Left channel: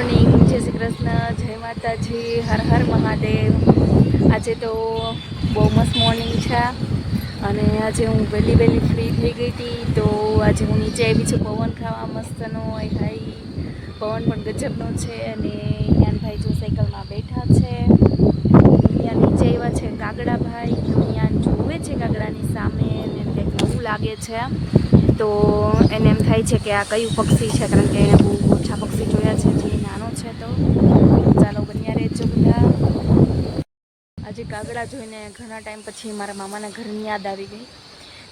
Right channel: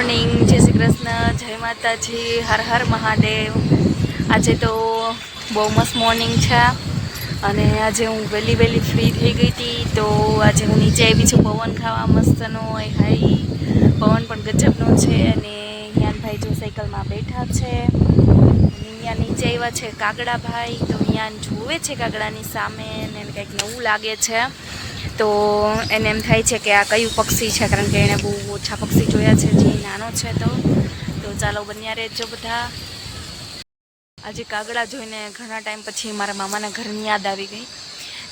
Morning, જય શ્રી કૃષ્ણ, જય માતાજી, હર હર મહાદેવ। આજે તો બહુ મસ્ત મોર્નિંગ છે અને આજે હું વહેલી ફ્રી થઈ ગઈ હતી। તો આજે હું નીચે આવી છું પવન ખાવા મસ્તનો હોય હાઈ પવન પણ ગજબનો છે અને યાનભાઈ જો સાયકલમાં બેઠા છે। અહીંયા નીચે આવ્યા છે કાગડાભાઈ, તો અહીંયા જોવે છે કાગડાની સામે અને કંઈક નવું લાગે છે। તો એને એમ થાય છે કે આ કયું પક્ષી છે, કારણ કે એણે બહુ ઓછા પક્ષી જોયા છે જે નાનો છે। તો ચાલો બન્યા રહેજો બધા। આજે કાગડા જોઈને ઘણા ટાઈમ પછી મારા મામાના ઘરની યાદ આવી ગઈ,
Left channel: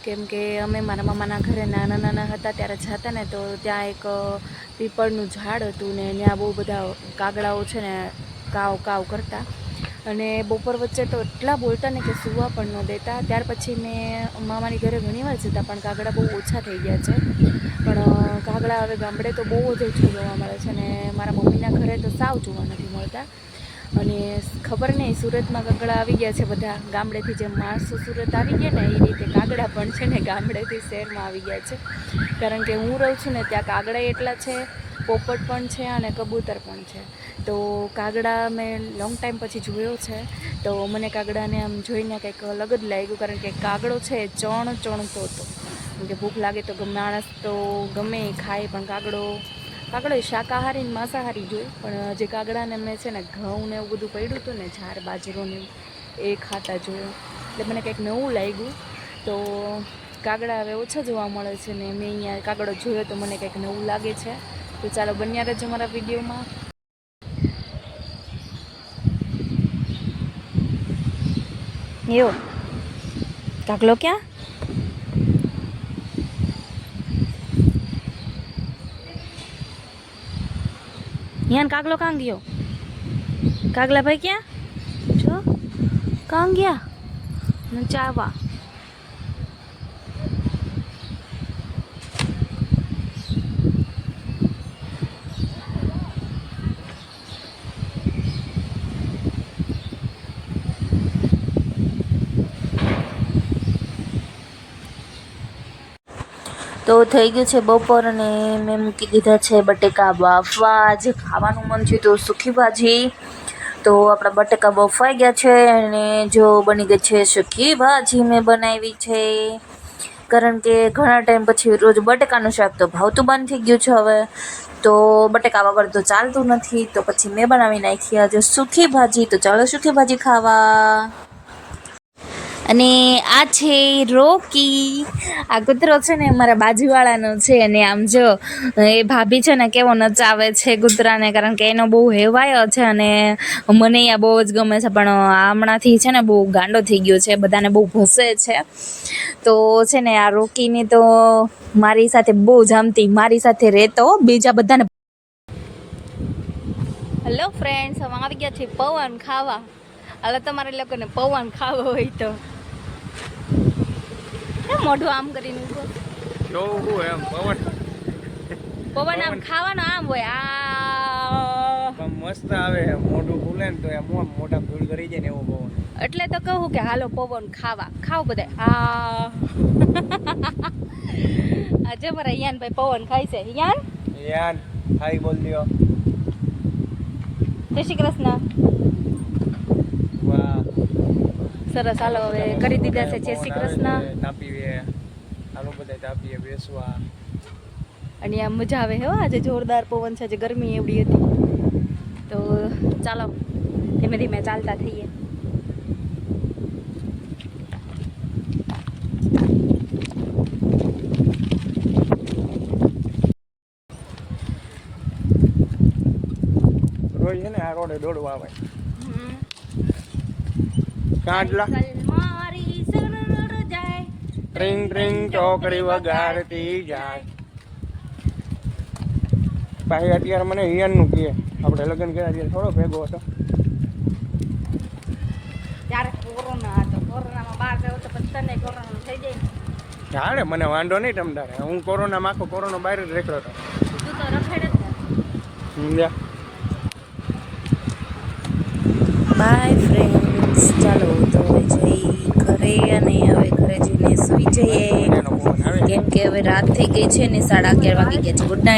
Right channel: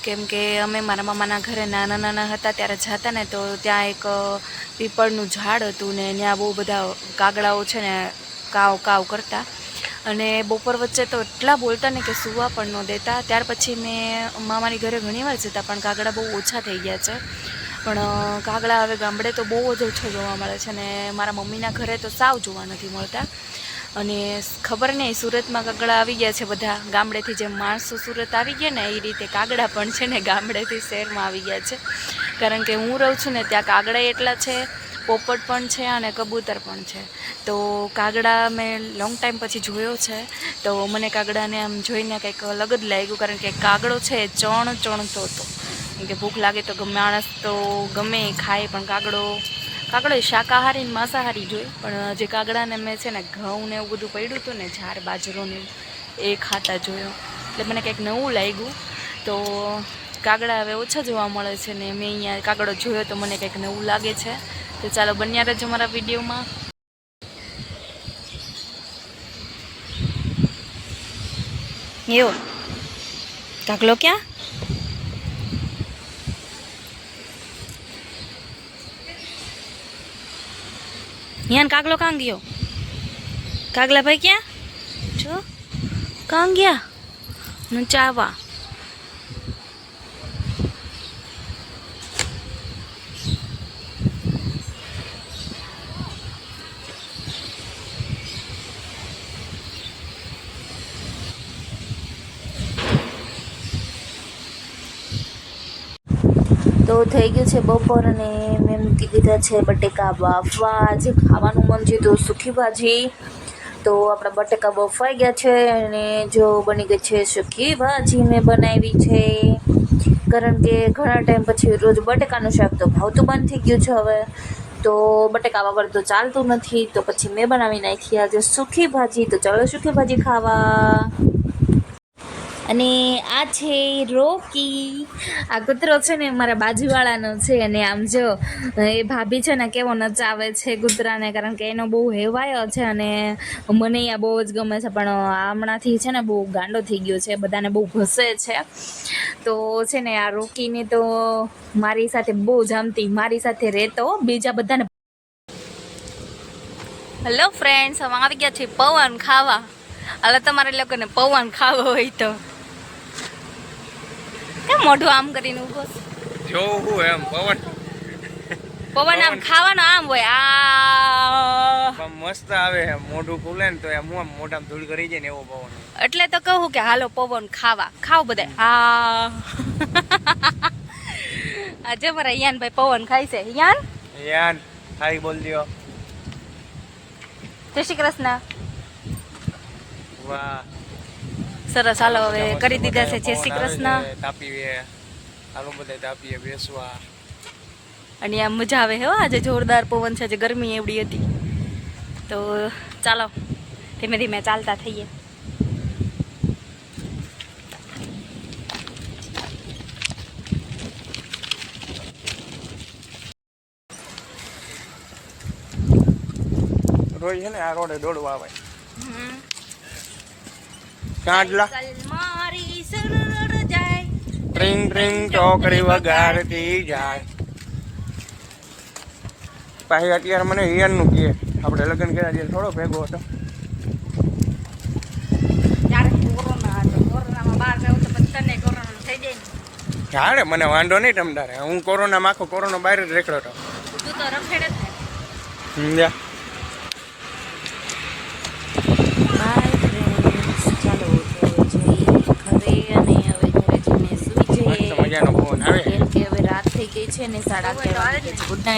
કેમ કે અમે મારા મામાના ઘરે નાના હતા ત્યારે જતા ને તો ત્યાં એક પીપળનું ઝાડ હતું ને ત્યાં બહુ બધા કાગડાઓ છે ને કાવ કાવ કરતા અને બપોર વચ્ચે તો એટલા બોલતા ને કે સૂવા પણ ન દેતા। ત્યાર પછી મેં મામાની ઘરે ઘણીવાર જતા પણ કાગડા બહુ ઓછા થઈ ગયા છે। પણ કાગડા હવે ગામડે તો બહુ જ ઓછો જોવા મળે છે ને મારા મમ્મીના ઘરે તો સાવ જોવા નથી મળતા। અને ખબર નહીં સુરતમાં કાગડા આવી ગયા છે બધા, ગામડેથી જેમ માણસો સુરત આવી ગયા ને એ રીતે કાગડા પણ છે ને ગામડેથી શહેરમાં આવી ગયા છે। કારણ કે હું રહું છું ને ત્યાં કાગડા એટલા છે, પોપટ પણ છે અને કબૂતર પણ છે। તો કાગડા મેં લોંગ ટાઈમ પછી જોયો છે તો મને કાગડાને આમ જોઈને કંઈક અલગ જ લાગ્યું, કારણ કે કાગડો છે એ ચણતો હતો, કે ભૂખ લાગે તો માણસ તો ગમે એ ખાય પણ કાગડો એ શાકાહારી ને માંસાહારી જોઈ, પણ જે કાગડાને મેં છે ને ઘઉં ને એવું બધું પડ્યું હતું ને ઝાર બાજરો ને એ ખાતા જોયો, એટલે મને કંઈક નવું લાગ્યું। તો કાગડા હવે ઓછા જોવા મળે છે ને મેં અહીંયા કાગડો જોયો તો મને કંઈક નવું લાગે છે। તો ચાલો બન્યા રહેજો મારા વિડીયોમાં। એવો કાગલો ક્યાં? યાન કાગલો કાં ગયો? કાગલા ભાઈ ક્યાં જો કાં ગયા? ચાવા તો થઈ ગયું છે બપોર અને મેં મૂકી દીધા છે બટેકા બાફવા। જે ખાવાનું મન થયું તો સૂકી ભાજી, તો આપણા બટેકા બફાઈ ગયા છે અને જો બની ગઈ છે સૂકી ભાજી મેં બનાવી છે, કારણ કે ઘણા ટાઈમ પછી રોજ બટેકાનું શાક તો ભાવતું બંધ થઈ ગયું છે હવે, તો બટેકા વગર તો ચાલતું નથી, તો પછી મેં બનાવી નાખી આજે સૂકી ભાજી। તો ચાલો સૂકી ભાજી ખાવા। અને આ છે રોકી, આ કૂતરો છે ને મારા બાજુવાળાનો છે અને આમ જો એ ભાભી છે ને કેવો નચાવે છે કૂતરાને, કારણ કે એનો બહુ હેવાયો છે અને મને અહીંયા બહુ જ ગમે છે, પણ હમણાંથી છે ને બહુ ગાંડો થઈ ગયો છે, બધાને બહુ ભસે છે। તો છે ને આ રોકીને તો મારી સાથે બહુ જામતી, મારી સાથે રહેતો, બીજા બધાને। હેલો ફ્રેન્ડ્સ, અમે આવી ગયા છીએ પવન ખાવા। હાલો તમારે લોકોને પવન ખાવો હોય તો કેમ મોઢું આમ કરીને ઊભો જોવું એમ પવન આમ ખાવાનો આમ હોય આ મસ્ત આવે, મોઢું ખુલે ને તો એમ મોઢામાં ધૂળ કરી જાય ને એવો પવન। એટલે તો કહું કે હાલો પવન ખાવા, ખાવ બધા આજે મારા યાનભાઈ પવન ખાય છે। યાન હાઈ બોલ દો, જય શ્રી કૃષ્ણ। વાહ સરસ, હાલો હવે કરી દીધા છે જય શ્રી કૃષ્ણ। તાપીએ હાલો બધા તાપીએ બેસવા, અને આમ મજા આવે હો, આજે જોરદાર પવન છે, આજે ગરમી એવડી હતી। તો ચાલો ધીમે ધીમે ચાલતા થઈએ। રોજ છે ને આ રોડે દોડવા આવે કાંડલા મારી સરળ જાય, ટ્રિંગ ટ્રિંગ ચોકડી વગાડતી જાય। ભાઈ અત્યારે મને હિયનનું કહે, આપણે લગ્ન કર્યા ત્યારે થોડો ભેગો હતો, ત્યારે કોરોના હતો, કોરોનામાં બહાર જાવ તો પછી તને કોરોના થઈ જાય ને। જાણે મને વાંધો નહીં તમતારે, હું કોરોનામાં આખો કોરોના બહાર જ રેખડો હતો। તું તો રખેડે જ સમજ્યા? બાય ફ્રેન્ડ્સ, ચાલો તો જઈ ઘરે અને હવે ઘરે જઈને સુઈ જઈએ, મજાનો ફોન આવે કેમ કે હવે રાત થઈ ગઈ છે ને 11:30 વાગી ગયા છે। Good night.